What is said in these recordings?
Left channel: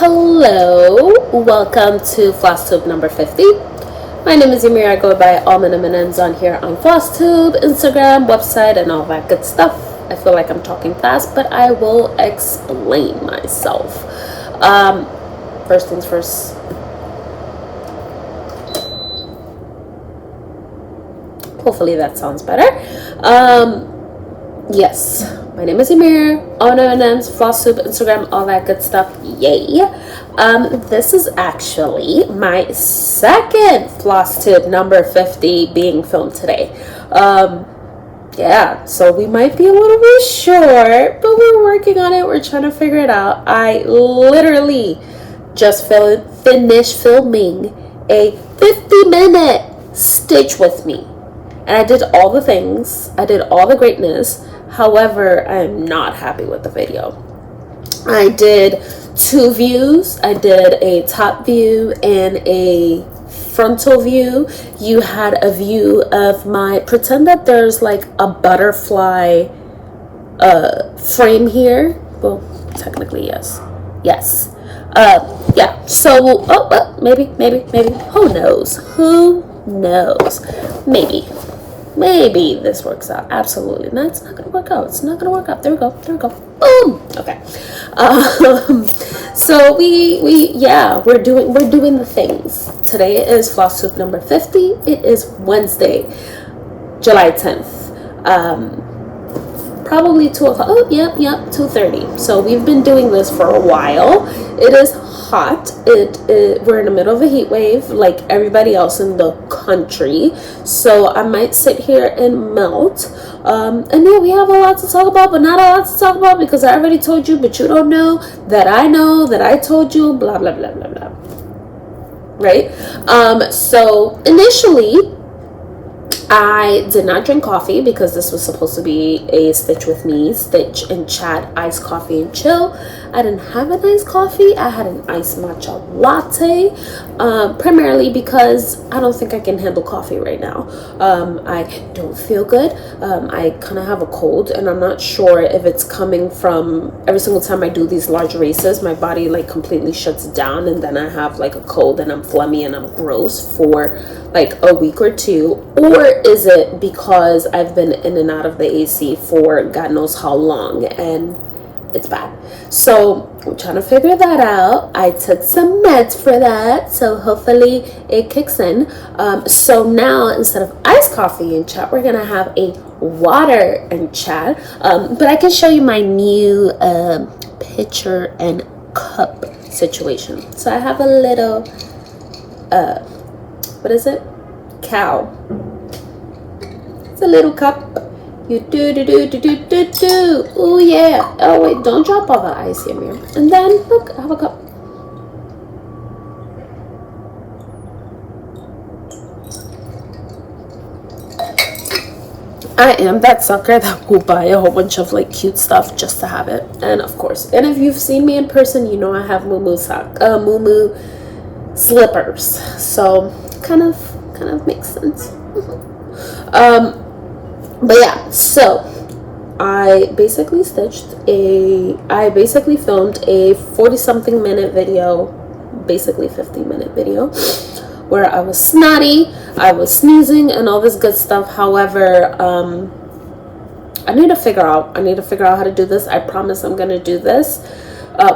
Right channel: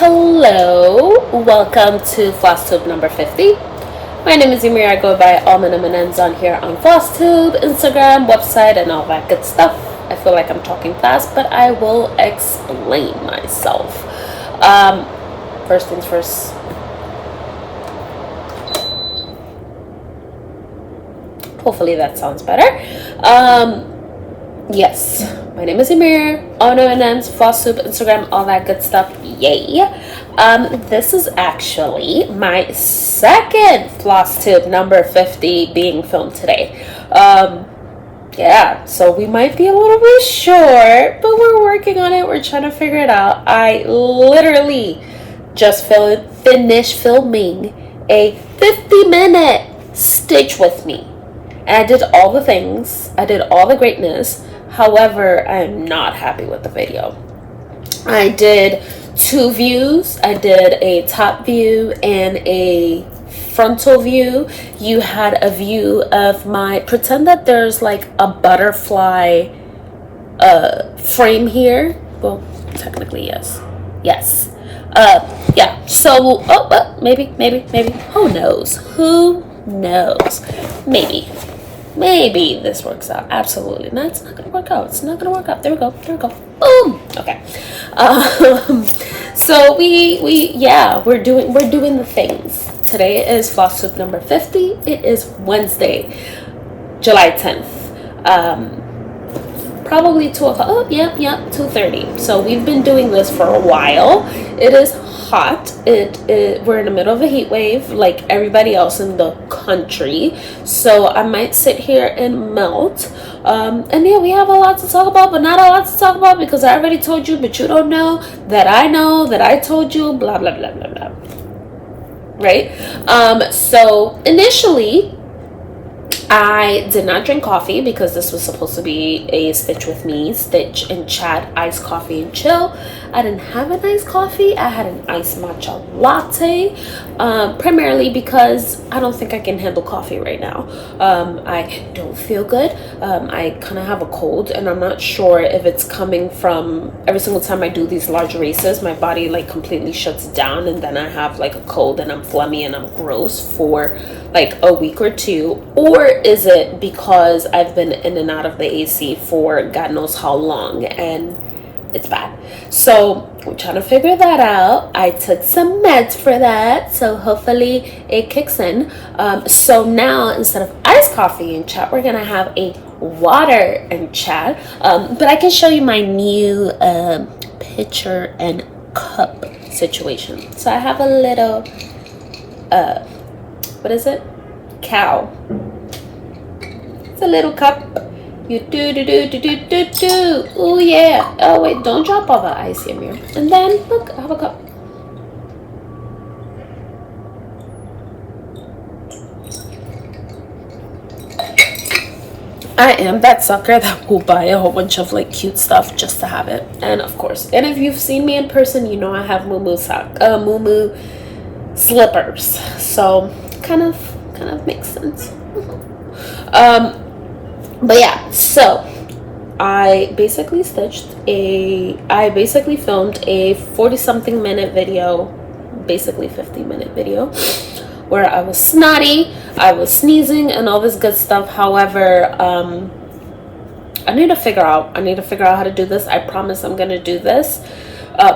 Hello, welcome to Flosstube number 50. My name is Amir. I go by AlmondMnMs on here on Flosstube, Instagram, website, and all that good stuff. I feel like I'm talking fast, but I will explain myself. First things first. Hopefully that sounds better. Yes, my name is Amir, AlmondMnMs, Flosstube, Instagram, all that good stuff. Yay. This is actually my second Flosstube number 50 being filmed today. Yeah, so we might be a little bit short, but we're working on it. We're trying to figure it out. I literally just finished filming a 50-minute Stitch with me. And I did all the things. I did all the greatness. However, I am not happy with the video. I did 2 views. I did a top view and a frontal view. You had a view of my, pretend that there's like a butterfly frame here. Well, technically, yes. Yes. Yeah. So, maybe. Who knows? Who knows? Maybe this works out. Absolutely. No, it's not gonna work out. It's not gonna work out. There we go. Boom. Okay. So we're doing the things. Today is Flosstube number 50. It is Wednesday, July 10th. Probably 2 o'clock. Oh, yep, 2:30. So we've been doing this for a while. It is hot. We're in the middle of a heat wave like everybody else in the country. So I might sit here and melt. And yeah, we have a lot to talk about, but not a lot to talk about because I already told you, but you don't know that I told you, blah, blah, blah, blah, blah. Right? So initially, I did not drink coffee because this was supposed to be a Stitch with me, Stitch and chat, iced coffee and chill. I didn't have an iced coffee. I had an iced matcha latte, primarily because I don't think I can handle coffee right now. I don't feel good. I kind of have a cold, and I'm not sure if it's coming from every single time I do these large races, my body like completely shuts down, and then I have like a cold and I'm phlegmy and I'm gross for like a week or 2, or is it because I've been in and out of the AC for God knows how long and it's bad. So I'm trying to figure that out. I took some meds for that, so hopefully it kicks in. So now instead of iced coffee and chat, we're gonna have a water and chat. But I can show you my new pitcher and cup situation. So I have a little what is it? Cow. It's a little cup. You do. Oh yeah. Oh wait, don't drop all the ice here, Amir. And then look, I have a cup. I am that sucker that will buy a whole bunch of like cute stuff just to have it. And of course, and if you've seen me in person, you know I have Moo Moo slippers. So kind of makes sense. But yeah, so I basically filmed a 40-something minute video, basically 50-minute video, where I was snotty, I was sneezing, and all this good stuff. However, I need to figure out how to do this. I promise I'm gonna do this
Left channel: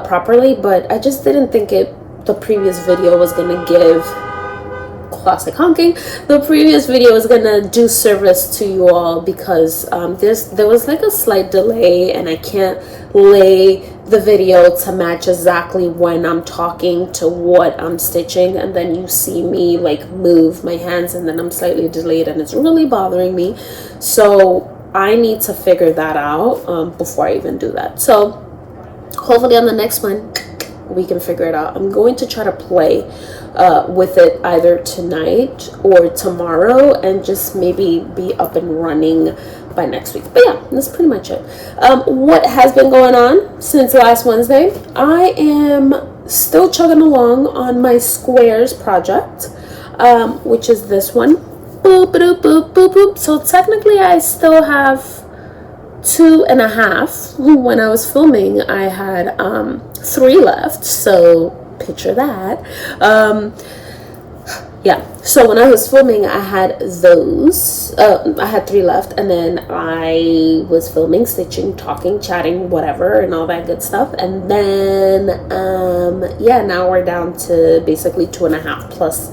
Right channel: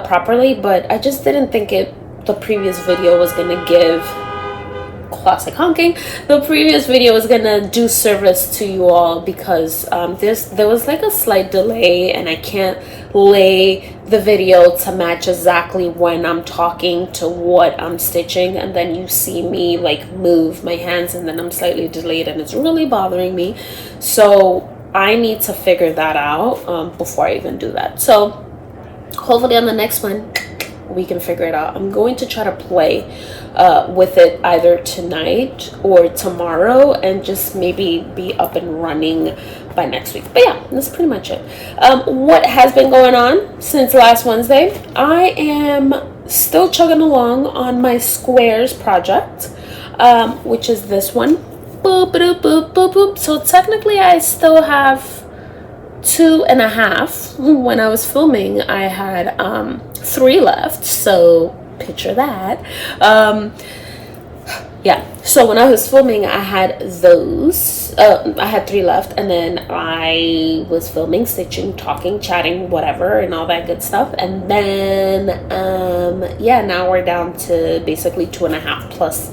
properly, but I just didn't think the previous video was gonna give classic honking. The previous video was gonna do service to you all because there was like a slight delay, and I can't lay the video to match exactly when I'm talking to what I'm stitching, and then you see me like move my hands and then I'm slightly delayed, and it's really bothering me. So I need to figure that out before I even do that. So hopefully on the next one we can figure it out. I'm going to try to play with it either tonight or tomorrow and just maybe be up and running by next week. But yeah, that's pretty much it. What has been going on since last Wednesday? I am still chugging along on my squares project, which is this one. Boop, boop, boop, boop, boop. So technically I still have 2.5. When I was filming, I had 3 left, so picture that. Yeah, so when I was filming, I had those. I had 3 left, and then I was filming, stitching, talking, chatting, whatever, and all that good stuff. And then, yeah, now we're down to basically 2.5 plus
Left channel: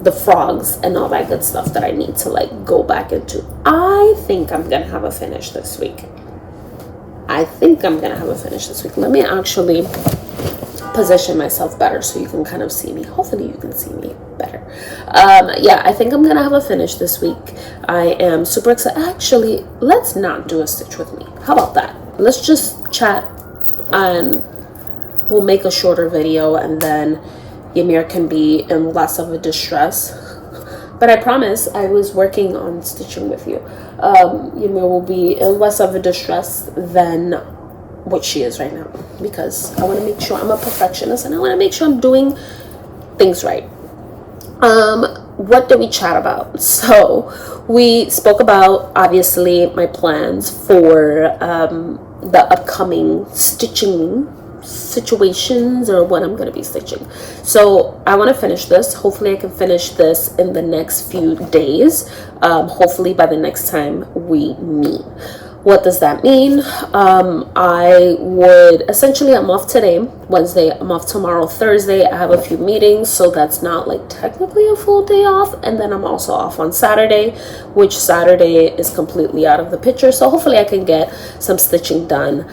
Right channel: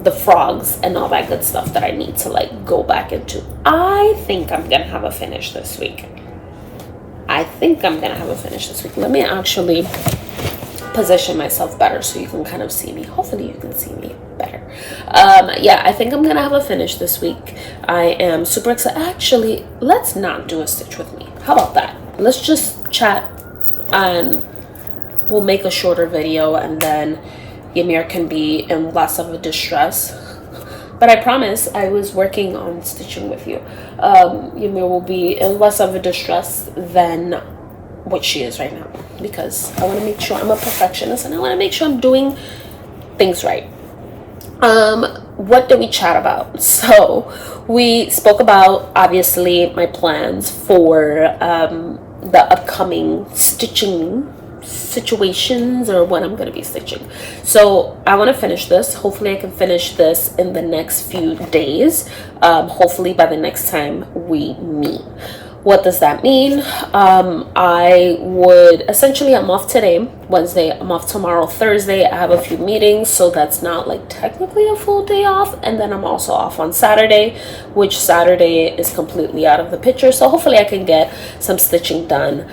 the frogs and all that good stuff that I need to like go back into. I think I'm gonna have a finish this week. Let me actually position myself better so you can kind of see me. Hopefully you can see me better. Yeah, I think I'm gonna have a finish this week. I am super excited. Actually, let's not do a stitch with me. How about that? Let's just chat and we'll make a shorter video, and then Ymir can be in less of a distress. But I promise I was working on stitching with you. Ymir will be in less of a distress than what she is right now, because I want to make sure I'm a perfectionist and I want to make sure I'm doing things right. What did we chat about? So we spoke about, obviously, my plans for the upcoming stitching situations, or what I'm going to be stitching. So I want to finish this. Hopefully I can finish this in the next few days, hopefully by the next time we meet. What does that mean? I would essentially, I'm off today, Wednesday. I'm off tomorrow, Thursday. I have a few meetings, so that's not like technically a full day off. And then I'm also off on Saturday, which Saturday is completely out of the picture. So hopefully I can get some stitching done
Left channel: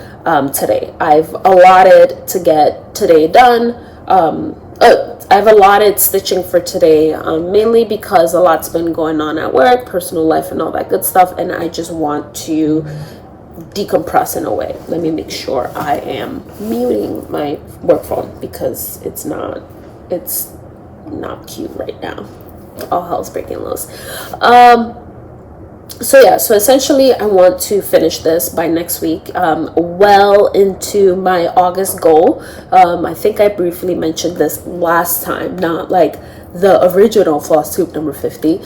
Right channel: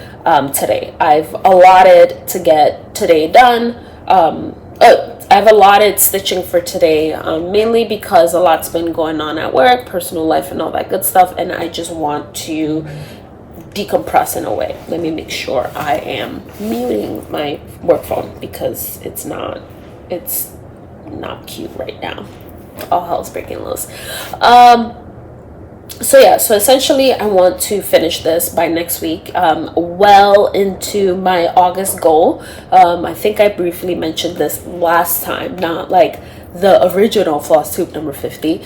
today. I've allotted to get today done. I've allotted stitching for today, mainly because a lot's been going on at work, personal life, and all that good stuff, and I just want to decompress in a way. Let me make sure I am muting my work phone, because it's not cute right now. All hell's breaking loose. So yeah, so essentially I want to finish this by next week, well into my August goal. I think I briefly mentioned this last time, not like the original Flosstube number 50,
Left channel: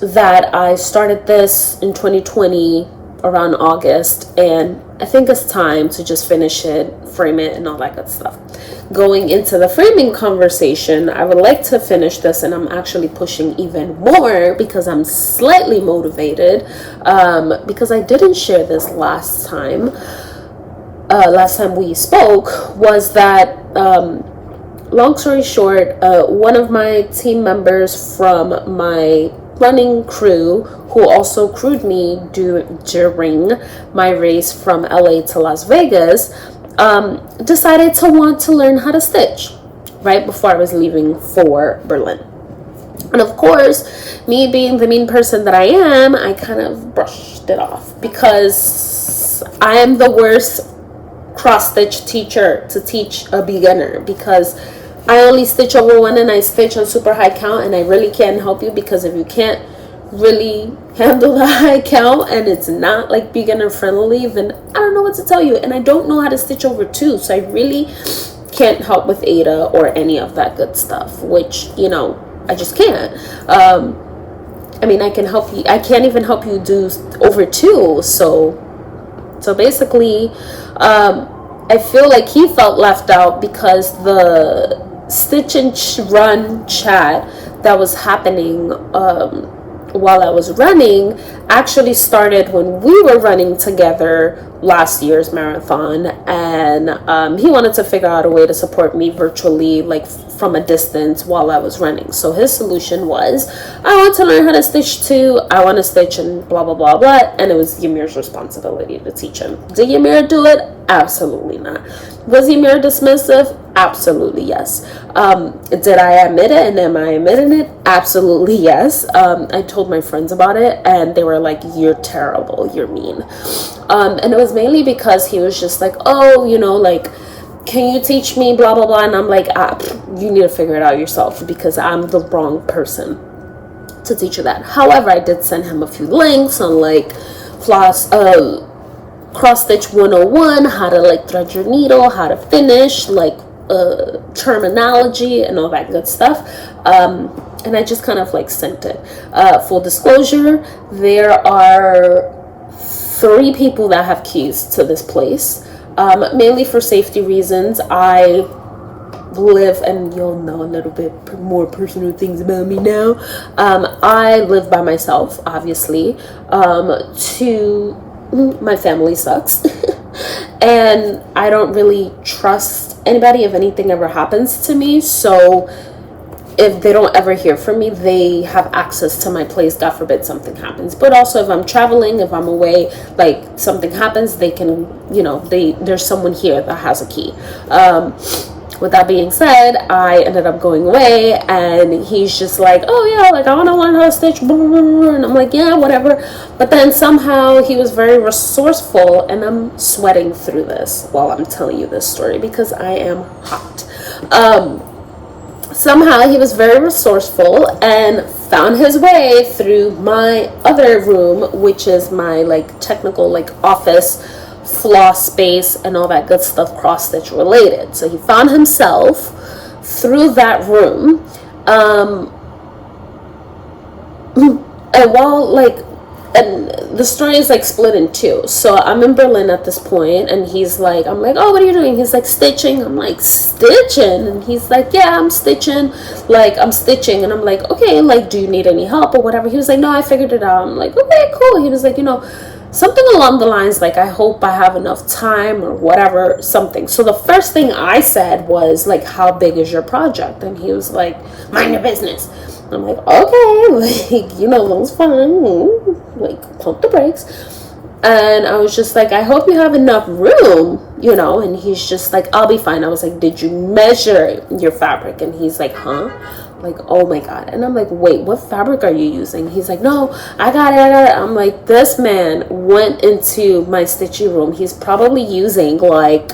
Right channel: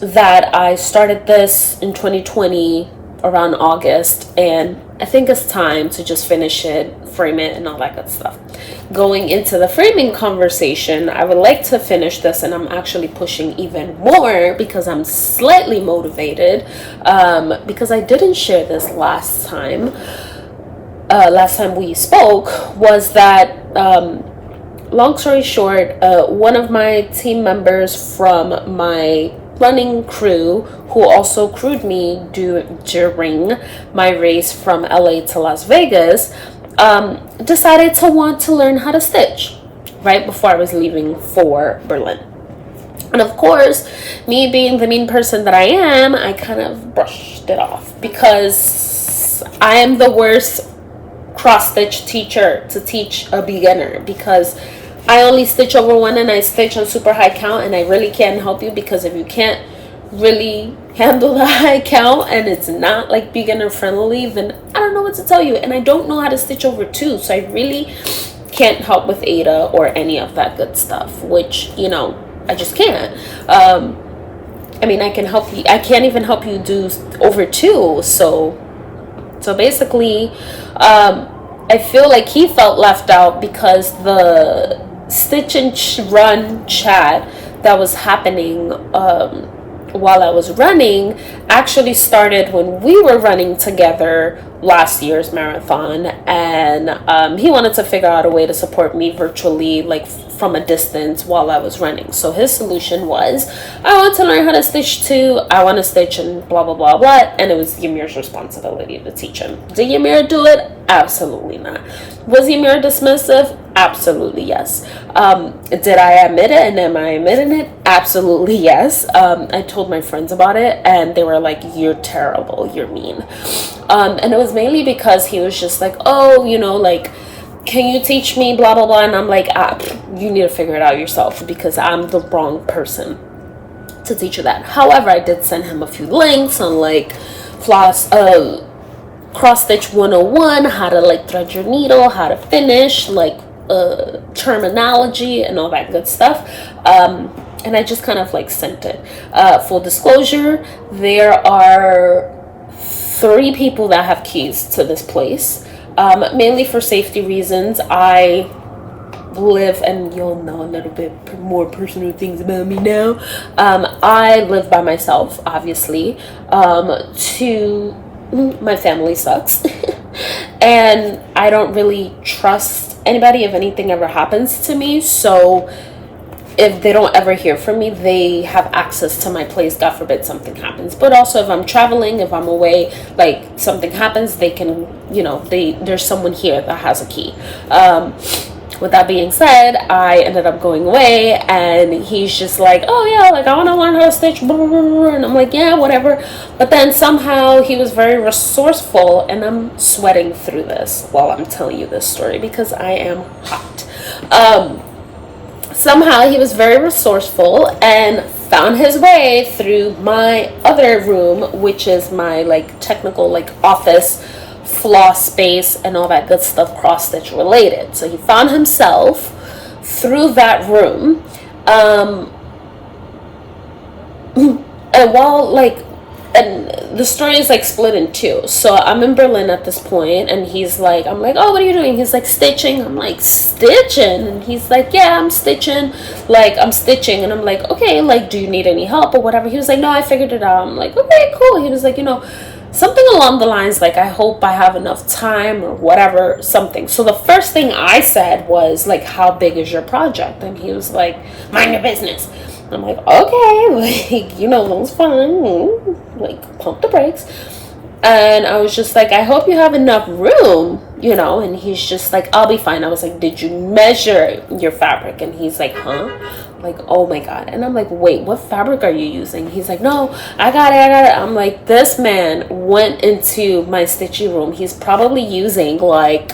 that I started this in 2020 around August, and I think it's time to just finish it, frame it, and all that good stuff. Going into the framing conversation, I would like to finish this, and I'm actually pushing even more because I'm slightly motivated, because I didn't share this last time we spoke, was that, long story short, one of my team members from my running crew, who also crewed me during my race from LA to Las Vegas, decided to want to learn how to stitch right before I was leaving for Berlin. And of course, me being the mean person that I am, I kind of brushed it off, because I am the worst cross-stitch teacher to teach a beginner, because I only stitch over 1 and I stitch on super high count, and I really can't help you, because if you can't really handle the high count and it's not like beginner friendly, then I don't know what to tell you. And I don't know how to stitch over 2, so I really can't help with Ada or any of that good stuff, which, you know, I just can't. I mean, I can help you, I can't even help you do over 2. So basically, I feel like he felt left out, because the stitch and run chat that was happening while I was running actually started when we were running together last year's marathon, and he wanted to figure out a way to support me virtually, like from a distance, while I was running. So his solution was, I want to learn how to stitch too, I want to stitch, and blah blah blah blah, and it was Ymir's responsibility to teach him. Did Ymir do it? Absolutely not. Was Ymir dismissive? Absolutely yes. Did I admit it, and am I admitting it? Absolutely yes. I told my friends about it, and they were like, you're terrible, you're mean. And it was mainly because he was just like, oh, you know, like, can you teach me blah blah blah, and I'm like, you need to figure it out yourself, because I'm the wrong person to teach you that. However, I did send him a few links on like cross stitch 101, how to like thread your needle, how to finish, like terminology and all that good stuff, and I just kind of like sent it. Full disclosure, there are 3 people that have keys to this place, mainly for safety reasons. I live, and you'll know a little bit more personal things about me now. I live by myself, obviously. My family sucks. And I don't really trust anybody if anything ever happens to me. So if they don't ever hear from me, they have access to my place, God forbid something happens. But also if I'm traveling, if I'm away, like something happens, they can, there's someone here that has a key. With that being said, I ended up going away, and he's just like, oh yeah, like I want to learn how to stitch, and I'm like, yeah, whatever. But then somehow he was very resourceful, and I'm sweating through this while I'm telling you this story because I am hot. Somehow he was very resourceful and found his way through my other room, which is my like technical like office, floss space, and all that good stuff, cross stitch related. So he found himself through that room, and while like, and the story is like split in 2. So I'm in Berlin at this point, and he's like, I'm like, oh, what are you doing? He's like, stitching. I'm like, stitching? And he's like, yeah, I'm stitching. Like, I'm stitching. And I'm like, okay, like, do you need any help or whatever? He was like, no, I figured it out. I'm like, okay, cool. He was like, something along the lines like, I hope I have enough time or whatever, something. So the first thing I said was like, how big is your project? And he was like, mind your business. I'm like, okay, like, that's fine. Like, pump the brakes. And I was just like, I hope you have enough room, and he's just like, I'll be fine. I was like, did you measure your fabric? And he's like, huh? Like, oh my God. And I'm like, wait, what fabric are you using? He's like, no, I got it. I'm like, this man went into my stitchy room. He's probably using like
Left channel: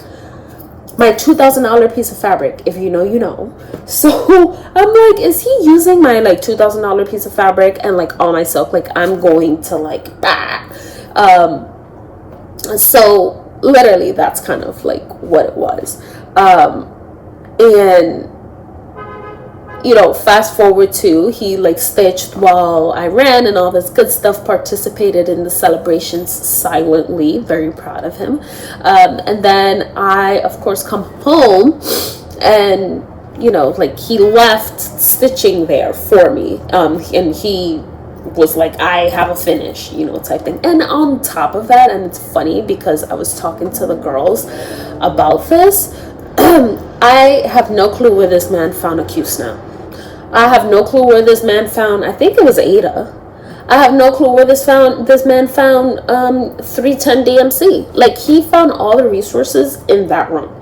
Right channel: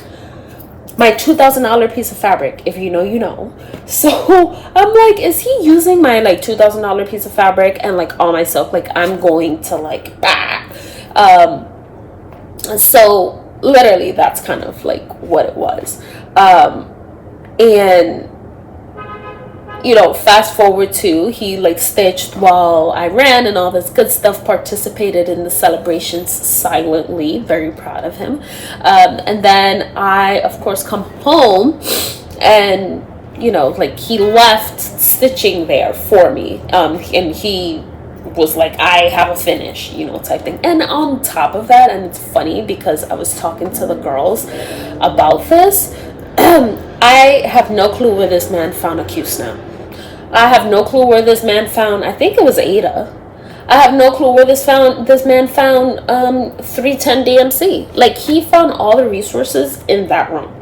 my $2,000 piece of fabric. If you know, you know. So I'm like, is he using my like $2,000 piece of fabric and like all my silk? Like, I'm going to like, so literally that's kind of like what it was. And fast forward to, he like stitched while I ran and all this good stuff, participated in the celebrations silently, very proud of him. And then I, of course, come home, and, like he left stitching there for me. And he was like, I have a finish, type thing. And on top of that, and it's funny because I was talking to the girls about this, I have no clue where this man found a Q-snap. I have no clue where this man found, I think it was Ada. I have no clue where this man found 310 DMC. Like, he found all the resources in that room.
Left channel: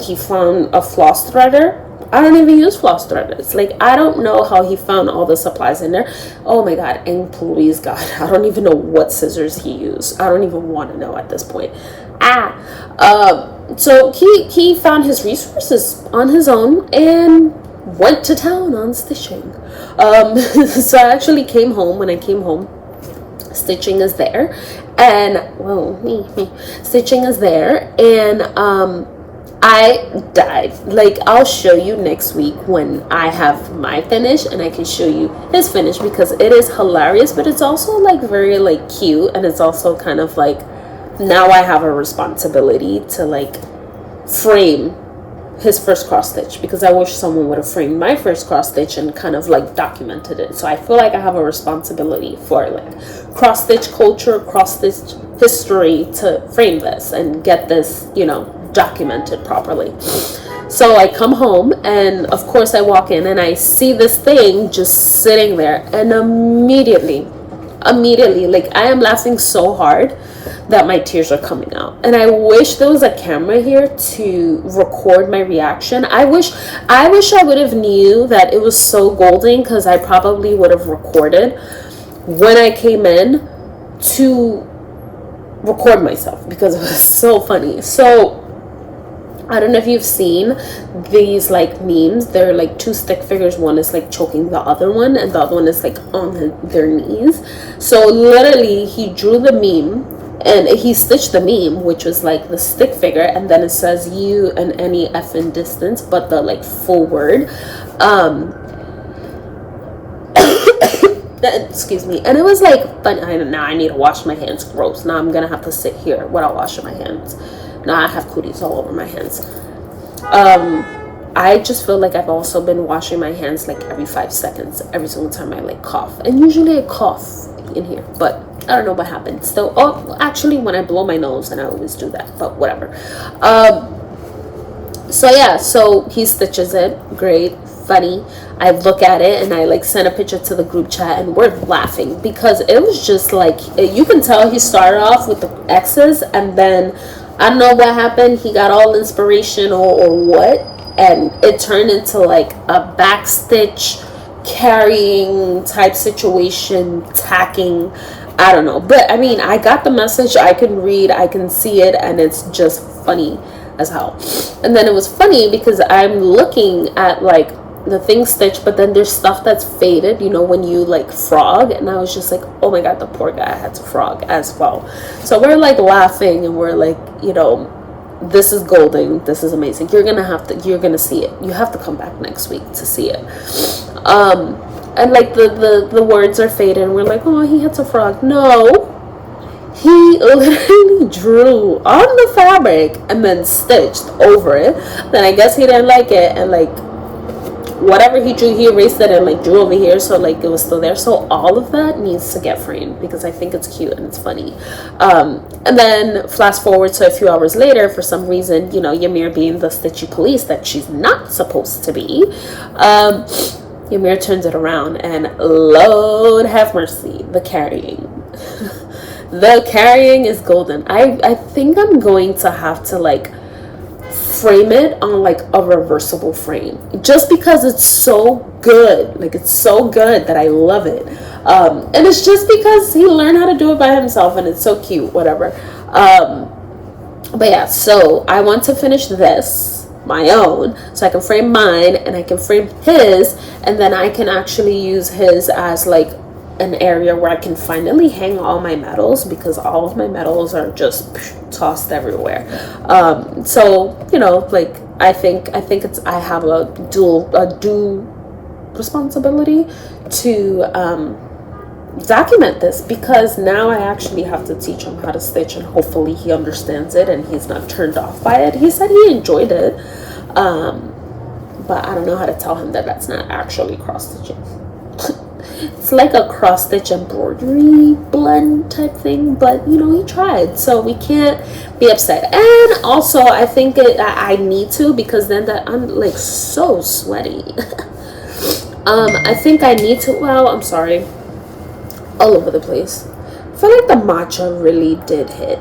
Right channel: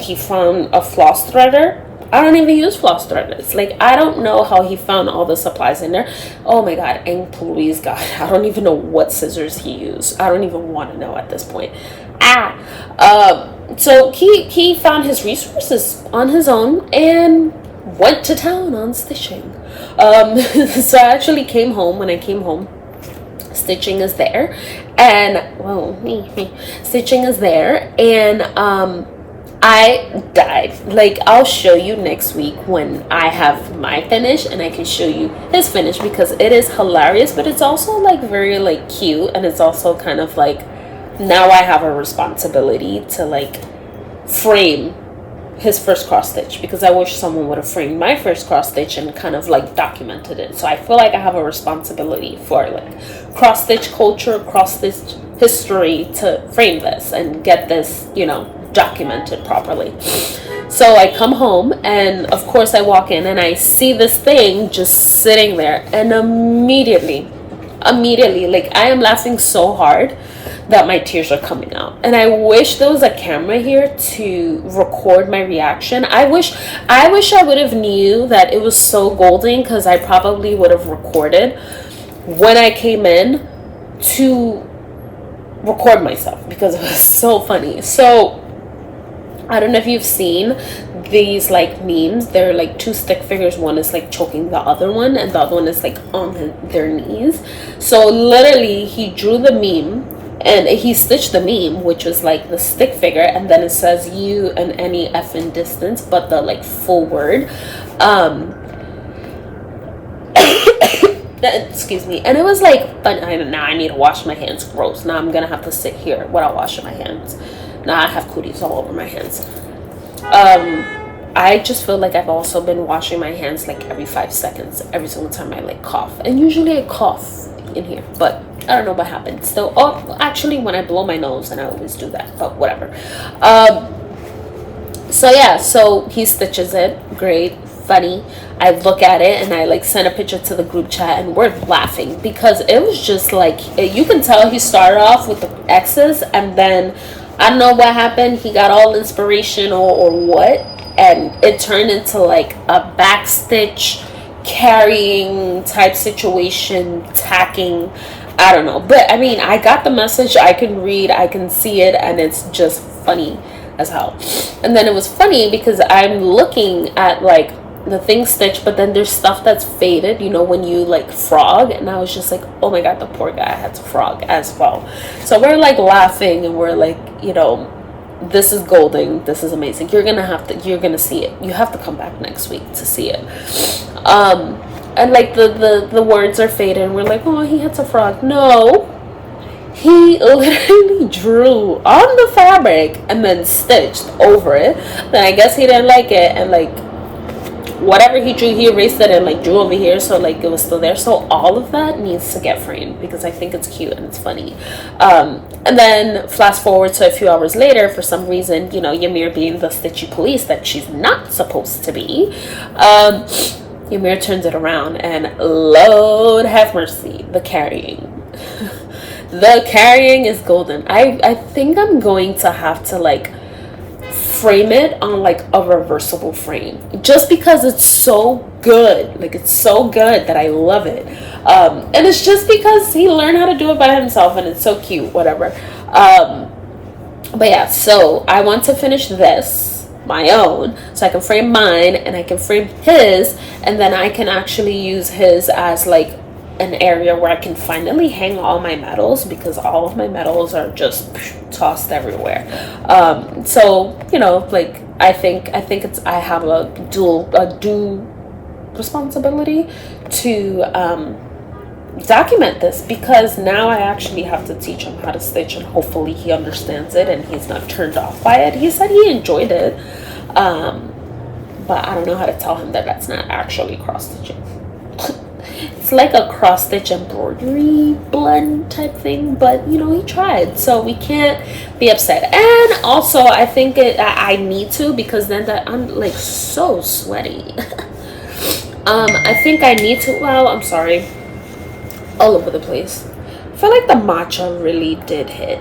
He found a floss threader. I don't even use floss threaders. Like, I don't know how he found all the supplies in there. Oh my God, and please God, I don't even know what scissors he used. I don't even want to know at this point. So he found his resources on his own and went to town on stitching. So I actually came home. When I came home, stitching is there, and stitching is there, and I died. Like, I'll show you next week when I have my finish, and I can show you his finish, because it is hilarious, but it's also like very like cute, and it's also kind of like, now I have a responsibility to like frame his first cross stitch, because I wish someone would have framed my first cross stitch and kind of like documented it. So I feel like I have a responsibility for like cross stitch culture, cross stitch history, to frame this and get this, documented properly. So I come home, and of course I walk in and I see this thing just sitting there, and immediately, like, I am laughing so hard that my tears are coming out. And I wish there was a camera here to record my reaction. I wish I would have knew that it was so golden, because I probably would have recorded when I came in to record myself, because it was so funny. So I don't know if you've seen these like memes. They're like two stick figures. One is like choking the other one, and the other one is like on their knees. So literally, he drew the meme, and he stitched the meme, which was like the stick figure, and then it says you and any effing distance, but the like full word. And excuse me, and it was like fun. Now I need to wash my hands. Gross. Now I'm gonna have to sit here without washing my hands. Now I have cooties all over my hands. I just feel like I've also been washing my hands like every 5 seconds, every single time I like cough. And usually I cough in here, but I don't know what happened. So, oh, actually when I blow my nose, and I always do that, but whatever. So yeah, so he stitches it. Great, funny. I look at it and I like send a picture to the group chat, and we're laughing because it was just like, you can tell he started off with the X's, and then I don't know what happened. He got all inspirational or what, and it turned into like a backstitch carrying type situation, tacking. I don't know, but I mean, I got the message. I can read, I can see it, and it's just funny as hell. And then it was funny because I'm looking at like the thing stitched, but then there's stuff that's faded, you know, when you like frog, and I was just like, oh my god, the poor guy had to frog as well. So we're like laughing, and we're like, you know, this is golden, this is amazing. You're gonna see it. You have to come back next week to see it. And like the words are faded, and we're like, oh, he had to frog. No, he literally drew on the fabric and then stitched over it. Then I guess he didn't like it, and like whatever he drew, he erased it and like drew over here, so like it was still there. So all of that needs to get framed because I think it's cute and it's funny. And then fast forward to a few hours later, for some reason, you know, Ymir being the stitchy police that she's not supposed to be, Ymir turns it around, and Lord have mercy, the carrying. The carrying is golden. I think I'm going to have to like frame it on like a reversible frame, just because it's so good. Like, it's so good that I love it. And it's just because he learned how to do it by himself, and it's so cute, whatever. But yeah, so I want to finish this, my own, so I can frame mine and I can frame his, and then I can actually use his as like an area where I can finally hang all my medals, because all of my medals are just tossed everywhere. So, you know, like I think it's, I have a due responsibility to document this, because now I actually have to teach him how to stitch, and hopefully he understands it and he's not turned off by it. He said he enjoyed it, but I don't know how to tell him that that's not actually cross stitching. It's like a cross stitch embroidery blend type thing, but you know, he tried, so we can't be upset. And also I think I need to, because then that I'm like so sweaty. I think I need to, well, I'm sorry, all over the place. I feel like the matcha really did hit.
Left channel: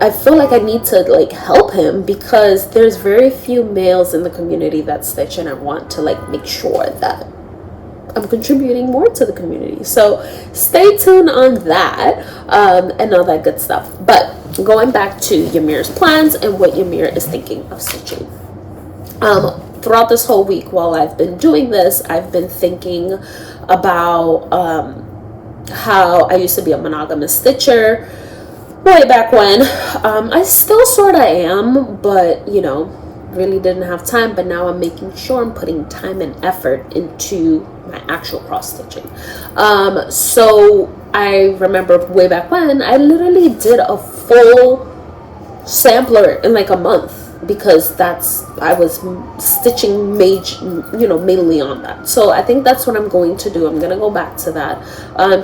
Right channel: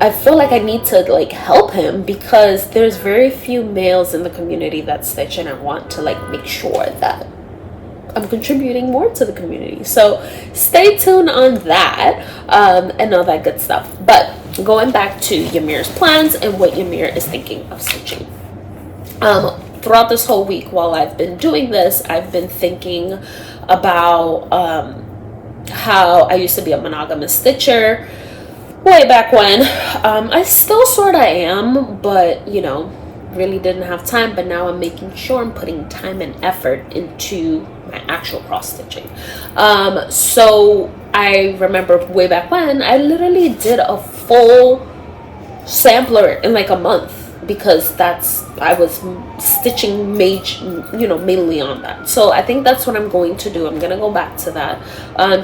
I feel like I need to like help him, because there's very few males in the community that stitch, and I want to like make sure that I'm contributing more to the community. So stay tuned on that, and all that good stuff. But going back to Ymir's plans and what Ymir is thinking of stitching. Throughout this whole week while I've been doing this, I've been thinking about how I used to be a monogamous stitcher way back when. I still sort of am, but you know, really didn't have time. But now I'm making sure I'm putting time and effort into my actual cross stitching. So I remember way back when I literally did a full sampler in like a month, because I was stitching mainly on that. So I think that's what I'm going to do. I'm going to go back to that,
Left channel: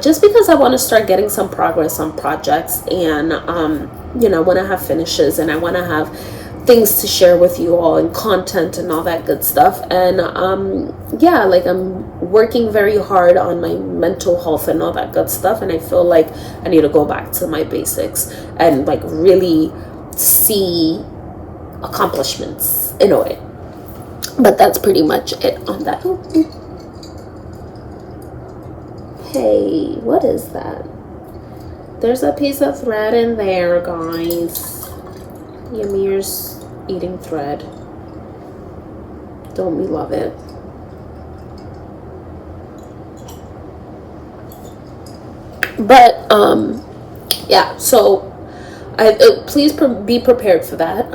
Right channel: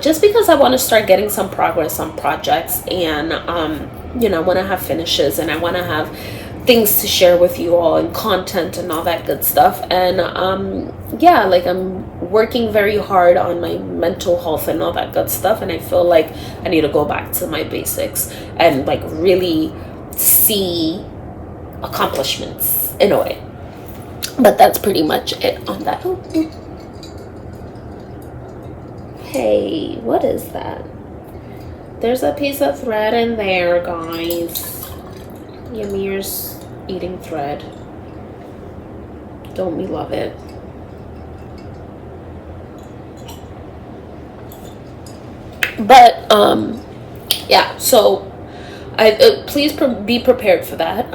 just because I want to start getting some progress on projects, and you know, I want to have finishes, and I want to have things to share with you all, and content and all that good stuff. And yeah, like I'm working very hard on my mental health and all that good stuff, and I feel like I need to go back to my basics and like really see accomplishments in a way. But that's pretty much it on that. Hey, what is that? There's a piece of thread in there, guys. Ymir's eating thread. Don't we love it? But yeah, so please be prepared for that.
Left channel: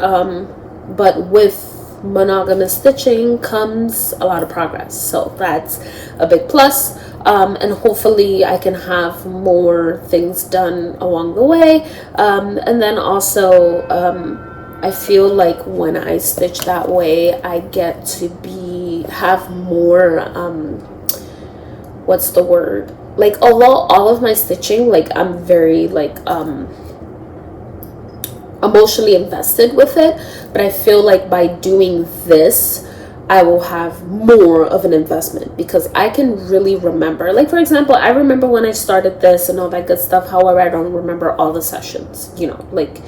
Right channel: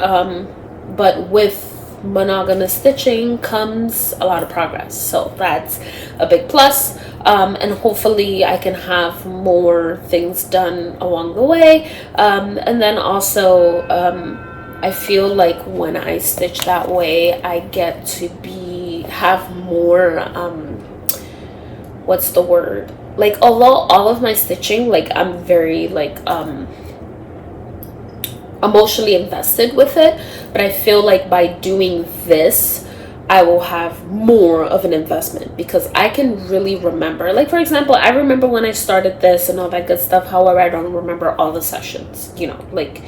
But with monogamous stitching comes a lot of progress. So that's a big plus. And hopefully I can have more things done along the way. And then also, I feel like when I stitch that way, I get to have more, what's the word? Like, although all of my stitching, like, I'm very, like, emotionally invested with it, but I feel like by doing this, I will have more of an investment because I can really remember. Like, for example, I remember when I started this and all that good stuff. However, I don't remember all the sessions, like,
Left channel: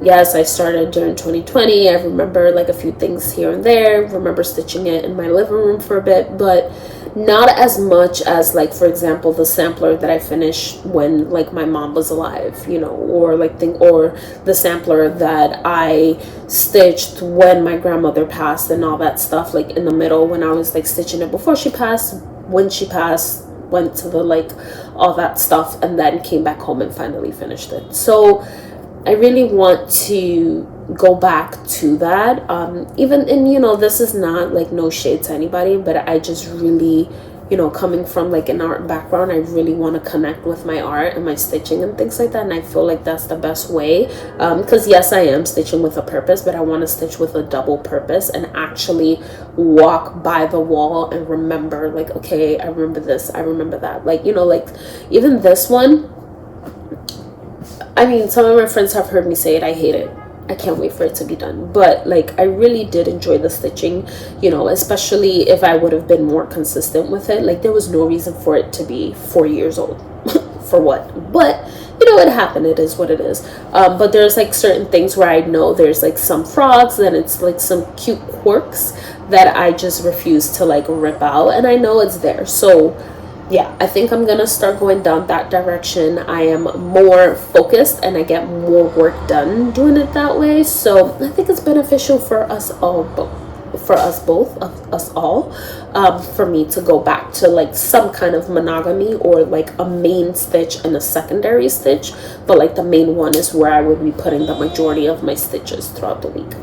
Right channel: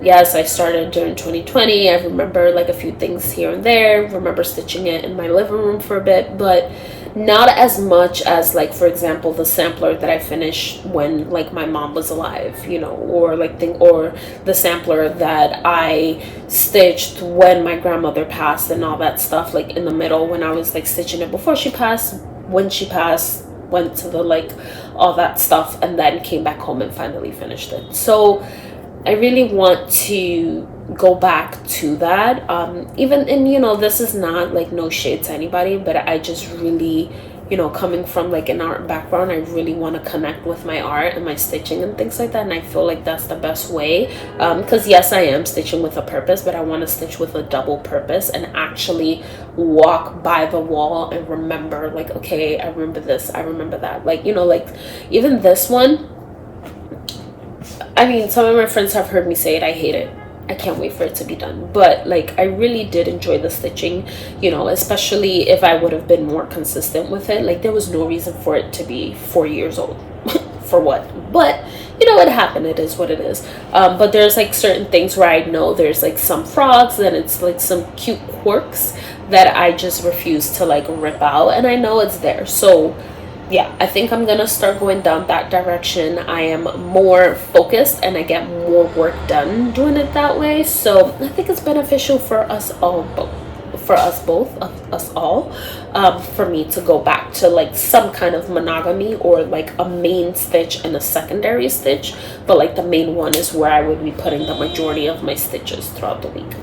yes, I started during 2020. I remember like a few things here and there. Remember stitching it in my living room for a bit, but not as much as, like, for example, the sampler that I finished when like my mom was alive, or or the sampler that I stitched when my grandmother passed and all that stuff, like in the middle when I was like stitching it before she passed, when she passed, went to the like all that stuff, and then came back home and finally finished it. So I really want to go back to that. Even, and this is not like no shade to anybody, but I just really, coming from like an art background, I really want to connect with my art and my stitching and things like that. And I feel like that's the best way. Because yes, I am stitching with a purpose, but I want to stitch with a double purpose and actually walk by the wall and remember, like, okay, I remember this, I remember that. Like, like even this one, I mean, some of my friends have heard me say it. I hate it. I can't wait for it to be done. But like, I really did enjoy the stitching, especially if I would have been more consistent with it. Like, there was no reason for it to be 4 years old. For what? But it happened. It is what it is. But there's like certain things where I know there's like some frogs and it's like some cute quirks that I just refuse to like rip out, and I know it's there. So yeah, I think I'm gonna start going down that direction. I am more focused and I get more work done doing it that way. So I think it's beneficial for us all, for me to go back to like some kind of monogamy, or like a main stitch and a secondary stitch. But like the main one is where I would be putting the majority of my stitches throughout the week.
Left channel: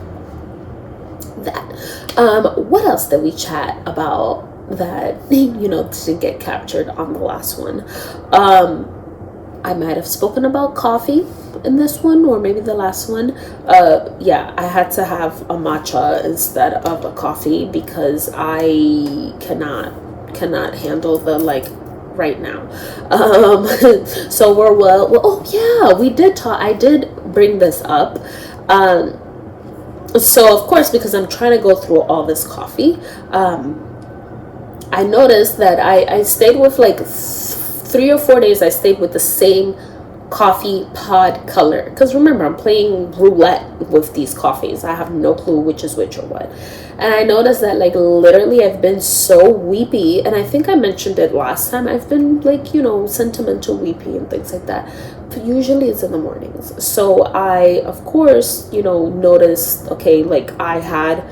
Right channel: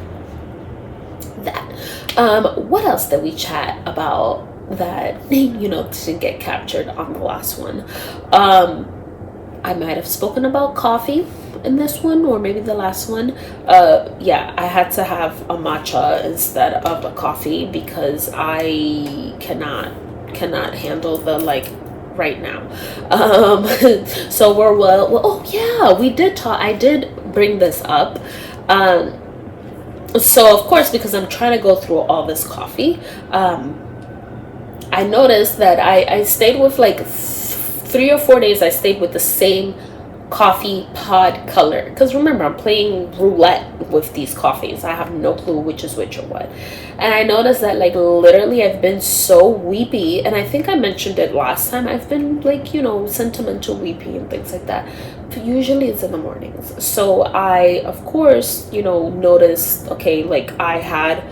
What else did we chat about that didn't get captured on the last one? I might have spoken about coffee in this one, or maybe the last one. Yeah, I had to have a matcha instead of a coffee because I cannot handle the like right now. So we're oh yeah, we did talk. I did bring this up. So of course, because I'm trying to go through all this coffee, I noticed that I stayed with like 3 or 4 days. I stayed with the same coffee pod color, because remember, I'm playing roulette with these coffees. I have no clue which is which or what. And I noticed that like literally I've been so weepy, and I think I mentioned it last time. I've been like sentimental, weepy and things like that. But usually it's in the mornings. So I of course noticed, okay, like I had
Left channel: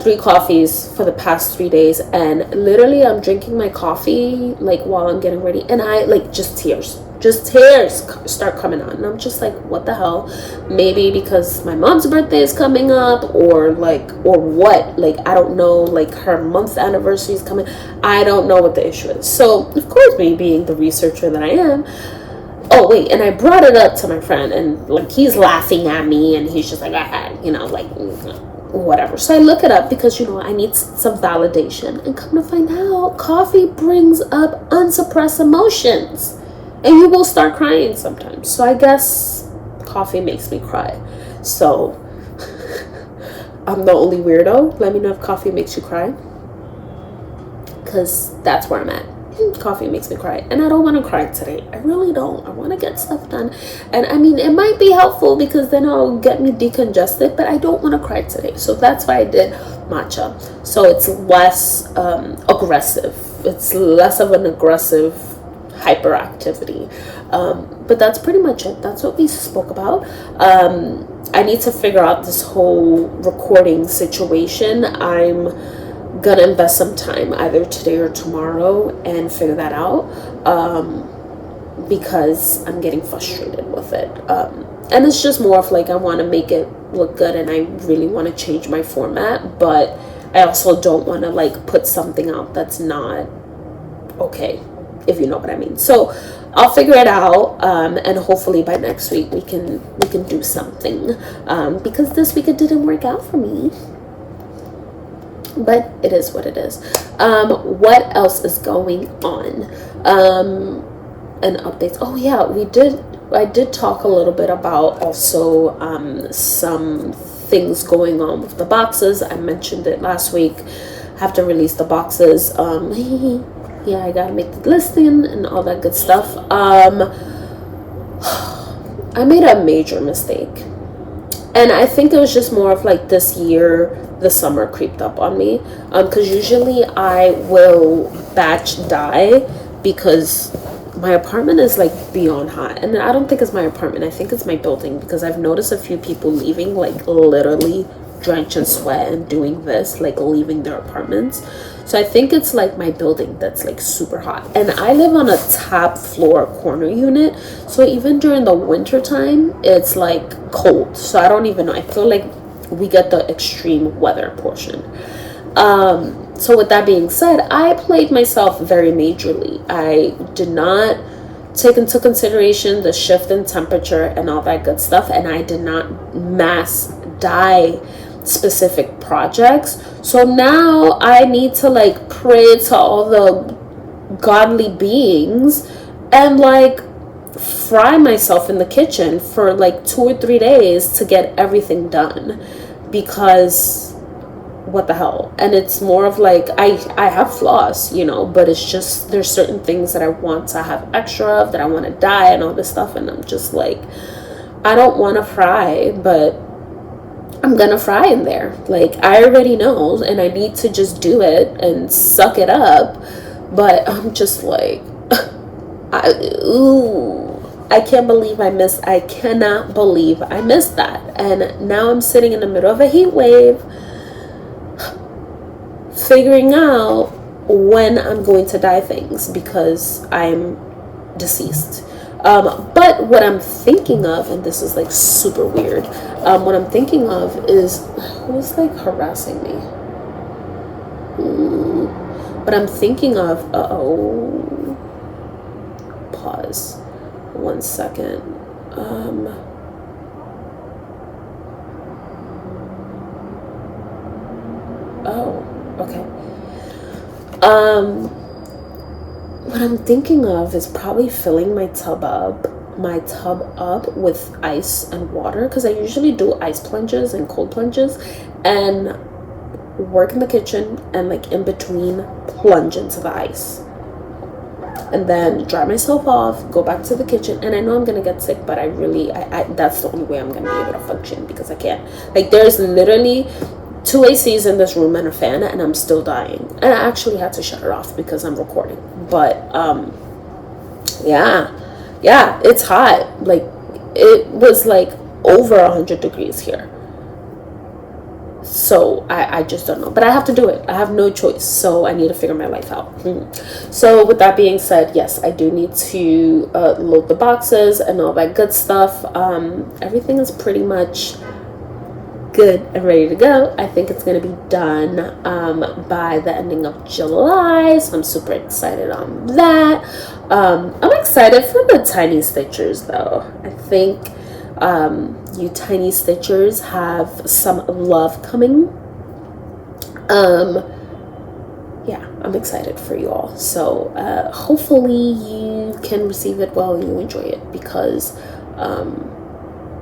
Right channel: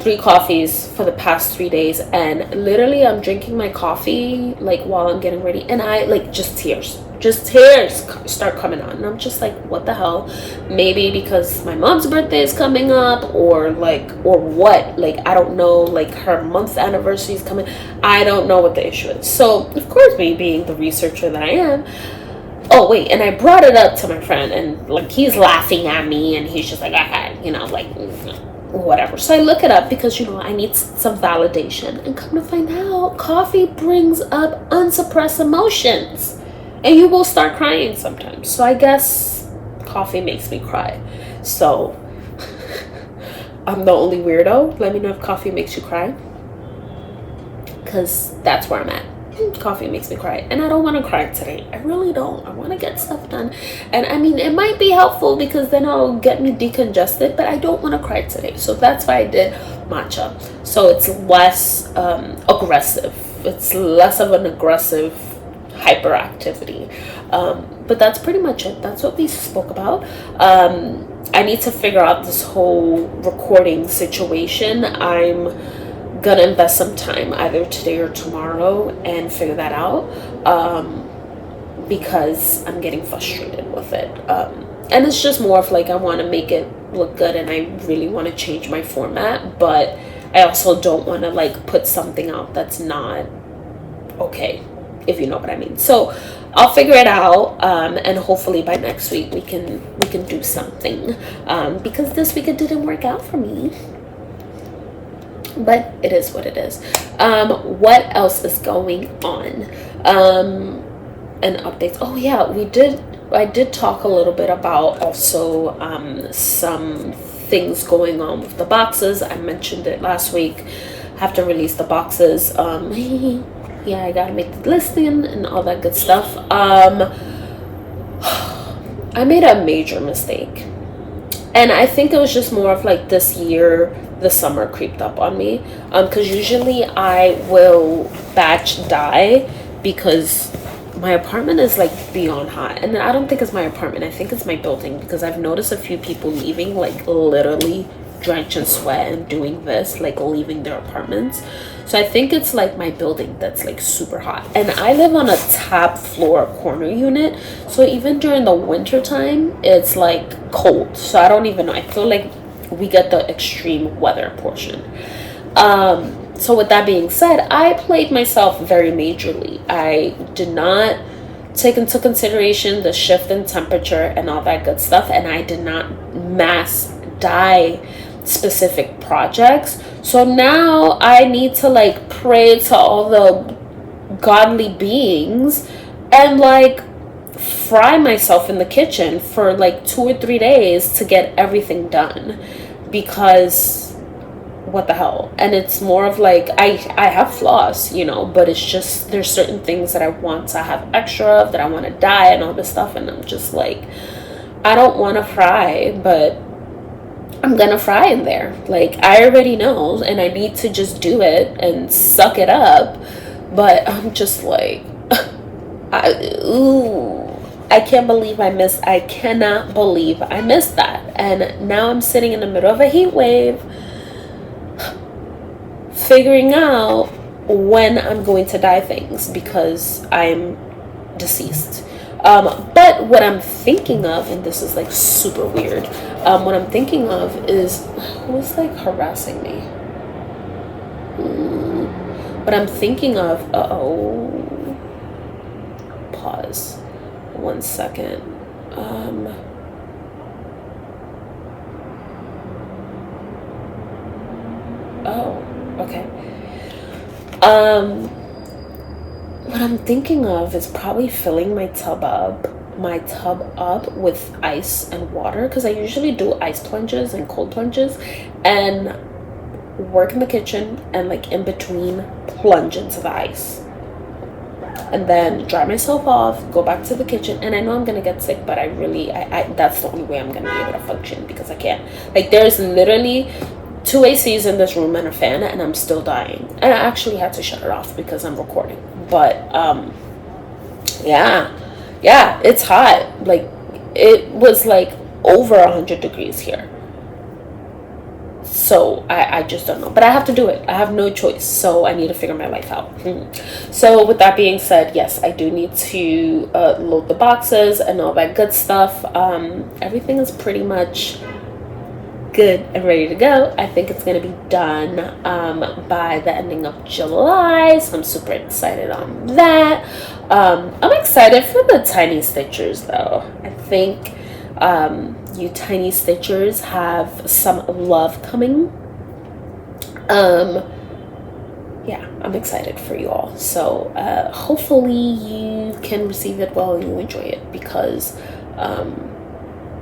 3 coffees for the past 3 days, and literally I'm drinking my coffee like while I'm getting ready, and I like just tears start coming on, and I'm just like, what the hell? Maybe because my mom's birthday is coming up, or what, like I don't know, like her month's anniversary is coming. I don't know what the issue is. So of course, me being the researcher that I am, oh wait, and I brought it up to my friend, and like he's laughing at me, and he's just like, like whatever. So I look it up because I need some validation, and come to find out, coffee brings up unsuppressed emotions, and you will start crying sometimes. So I guess coffee makes me cry. So I'm the only weirdo. Let me know if coffee makes you cry, because that's where I'm at. Coffee makes me cry, and I don't want to cry today. I really don't. I want to get stuff done, and I mean, it might be helpful because then it'll get me decongested, but I don't want to cry today. So that's why I did matcha. So it's less aggressive. It's less of an aggressive hyperactivity. But that's pretty much it. That's what we spoke about. I need to figure out this whole recording situation. I'm gonna invest some time either today or tomorrow and figure that out. because I'm getting frustrated with it. And it's just more of like, I want to make it look good and I really want to change my format, but I also don't want to like put something out that's not okay, if you know what I mean. So I'll figure it out, and hopefully by next week we can do something, because this week it didn't work out for me, but it is what it is. What else is going on? And updates. Oh yeah, I did talk a little bit about also some things going on with the boxes. I mentioned it last week. Have to release the boxes. Yeah, I gotta make the listing and all that good stuff. I made a major mistake, and I think it was just more of like this year the summer creeped up on me, because usually I will batch dye because my apartment is like beyond hot. And I don't think it's my apartment, I think it's my building, because I've noticed a few people leaving like literally drenched in sweat and doing this, like leaving their apartments. So I think it's like my building that's like super hot, and I live on a top floor corner unit, so even during the winter time it's like cold. So I don't even know, I feel like we get the extreme weather portion. So with that being said, I played myself very majorly. I did not take into consideration the shift in temperature and all that good stuff, and I did not mass dye specific projects. So now I need to like pray to all the godly beings and like fry myself in the kitchen for like 2 or 3 days to get everything done, because what the hell. And it's more of like, I have floss, you know, but it's just there's certain things that I want to have extra of, that I want to dye and all this stuff, and I'm just like, I don't want to fry, but I'm gonna fry in there. Like, I already know, and I need to just do it and suck it up. But I'm just like, I can't believe I cannot believe I missed that. And now I'm sitting in the middle of a heat wave, figuring out when I'm going to dye things, because I'm deceased. But what I'm thinking of, and this is like super weird, what I'm thinking of is, who's like harassing me? What I'm thinking of, pause 1 second. Okay. What I'm thinking of is probably filling my tub up with ice and water, because I usually do ice plunges and cold plunges, and work in the kitchen and like in between plunge into the ice, and then dry myself off, go back to the kitchen. And I know I'm gonna get sick, but I that's the only way I'm gonna be able to function, because I can't, like, there's literally 2 ACs in this room and a fan, and I'm still dying. And I actually had to shut it off because I'm recording. But yeah, it's hot. Like, it was like over 100 degrees here. So I just don't know, but I have to do it. I have no choice, so I need to figure my life out. So with that being said, yes, I do need to load the boxes and all that good stuff. Everything is pretty much good and ready to go. I think it's gonna be done by the ending of July, so I'm super excited on that. I'm excited for the tiny stitchers though. I think you tiny stitchers have some love coming. Yeah, I'm excited for you all. So hopefully you can receive it well and you enjoy it, because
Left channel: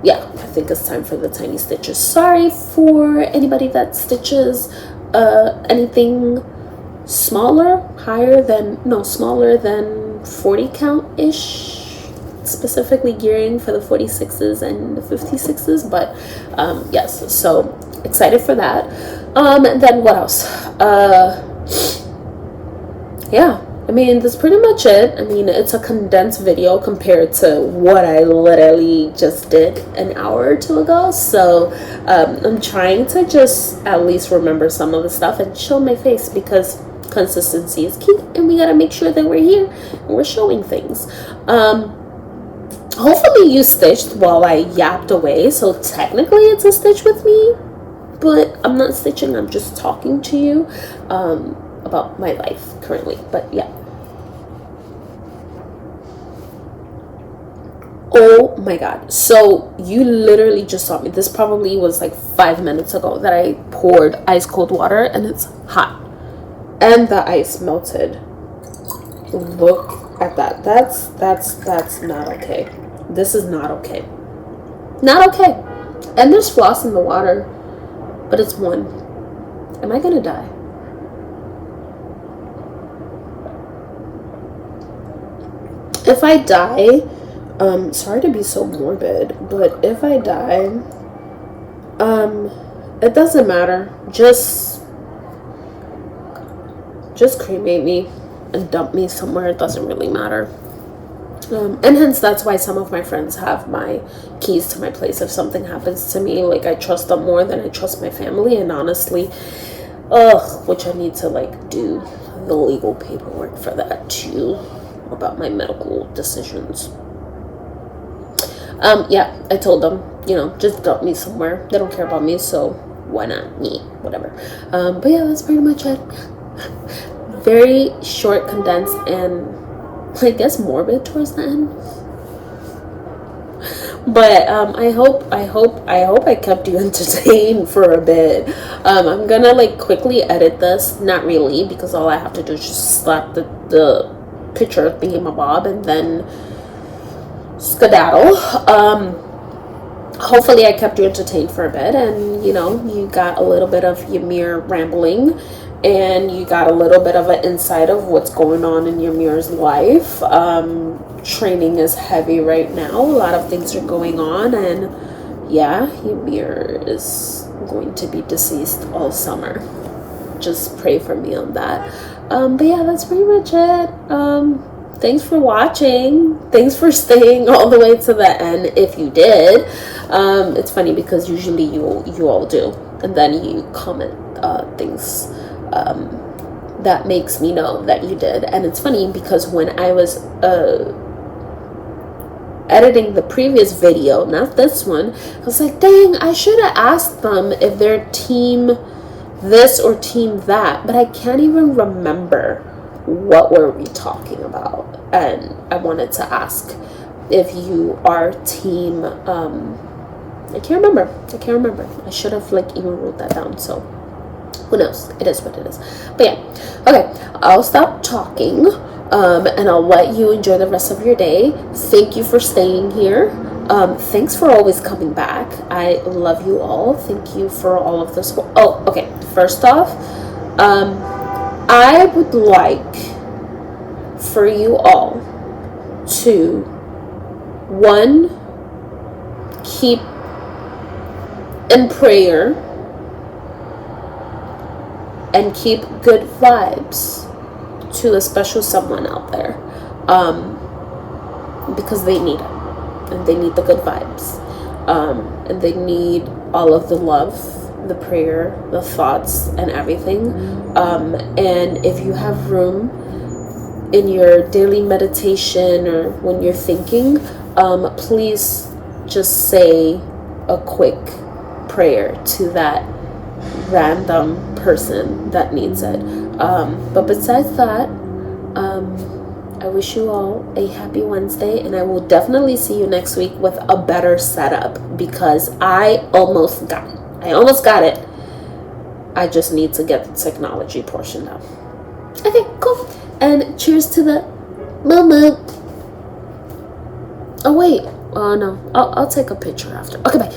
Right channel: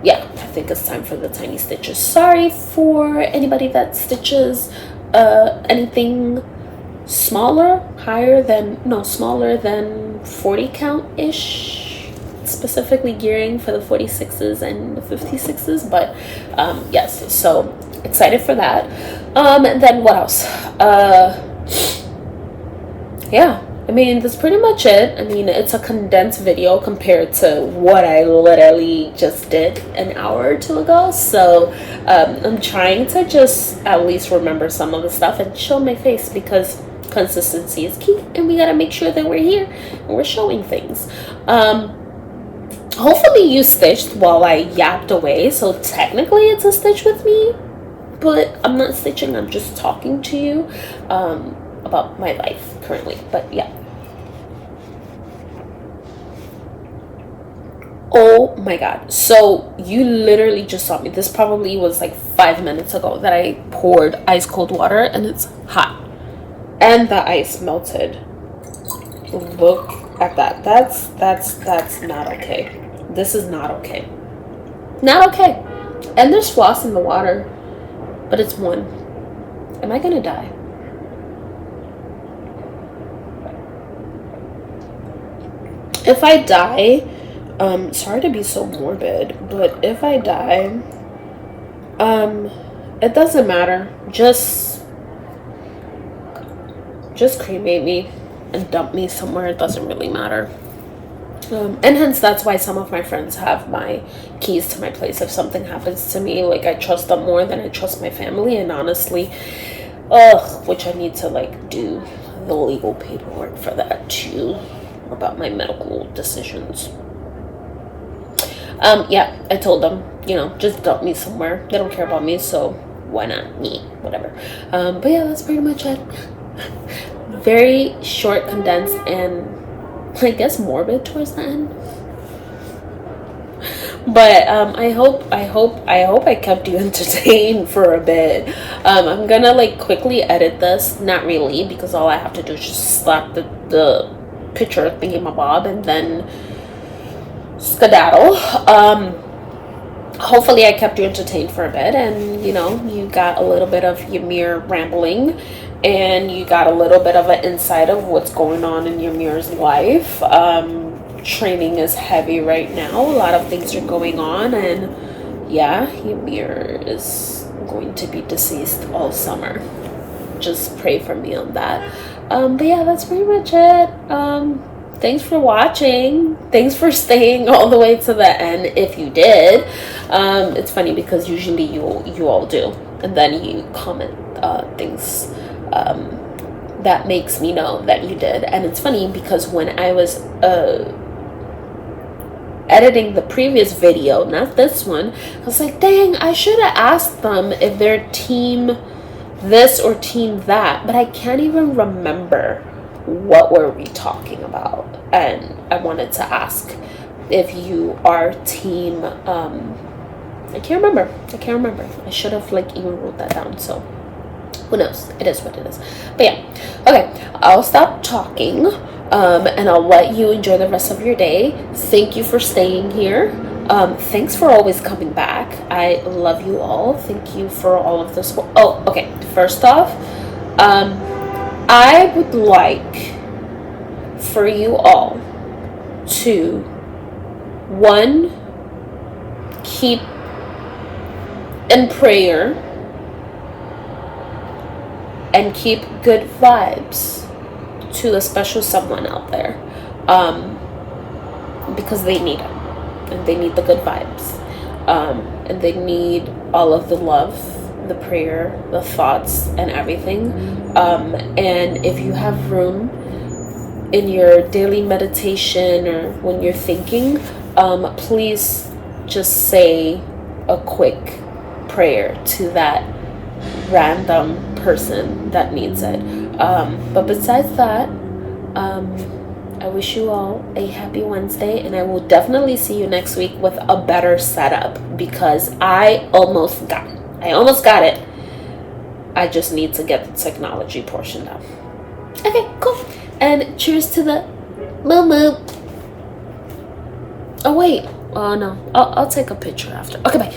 yeah, I think it's time for the tiny stitches. Sorry for anybody that stitches anything smaller than 40 count ish, specifically gearing for the 46s and the 56s. But yes, so excited for that. And then what else? Yeah, I mean, that's pretty much it. I mean, it's a condensed video compared to what I literally just did an hour or two ago. So I'm trying to just at least remember some of the stuff and show my face, because consistency is key, and we gotta make sure that we're here and we're showing things. Hopefully you stitched while I yapped away, so technically it's a stitch with me, but I'm not stitching, I'm just talking to you about my life currently. But yeah. Oh my god, so you literally just saw me. This probably was like 5 minutes ago that I poured ice cold water, and it's hot and the ice melted. Look at that. That's not okay. This is not okay. Not okay. And there's floss in the water, but it's one. Am I gonna die? If I die, sorry to be so morbid, but if I die, it doesn't matter. Just cremate me and dump me somewhere. It doesn't really matter. And hence that's why some of my friends have my keys to my place if something happens to me. Like, I trust them more than I trust my family, and honestly, which I need to like do the legal paperwork for that too, about my medical decisions. Yeah, I told them, you know, just dump me somewhere. They don't care about me, so why not me? Whatever. But yeah, that's pretty much it. Very short, condensed, and I guess morbid towards the end. But I hope I kept you entertained for a bit. I'm gonna like quickly edit this. Not really, because all I have to do is just slap the picture thingamabob and then skedaddle. Hopefully I kept you entertained for a bit, and you know, you got a little bit of Ymir rambling, and you got a little bit of an insight of what's going on in Ymir's life. Training is heavy right now. A lot of things are going on, and yeah, Ymir is going to be deceased all summer. Just pray for me on that. But yeah, that's pretty much it. Thanks for watching. Thanks for staying all the way to the end if you did. It's funny because usually you all do, and then you comment things that makes me know that you did. And it's funny because when I was editing the previous video, not this one, I was like, dang, I should have asked them if they're team this or team that, but I can't even remember what were we talking about. And I wanted to ask if you are team I can't remember. I should have like even wrote that down. So who knows? It is what it is. But yeah, okay, I'll stop talking, and I'll let you enjoy the rest of your day. Thank you for staying here. Thanks for always coming back. I love you all. Thank you for all of this. Oh, okay. First off, I would like for you all to, one, keep in prayer and keep good vibes to a special someone out there, because they need it, and they need the good vibes, and they need all of the love, the prayer, the thoughts, and everything. And if you have room in your daily meditation or when you're thinking, please just say a quick prayer to that random person that needs it. But besides that, I wish you all a happy Wednesday, and I will definitely see you next week with a better setup, because I almost got it. I just need to get the technology portion done. Okay, cool. And cheers to the Moo Moo. Oh wait, oh no, I'll take a picture after. Okay, bye.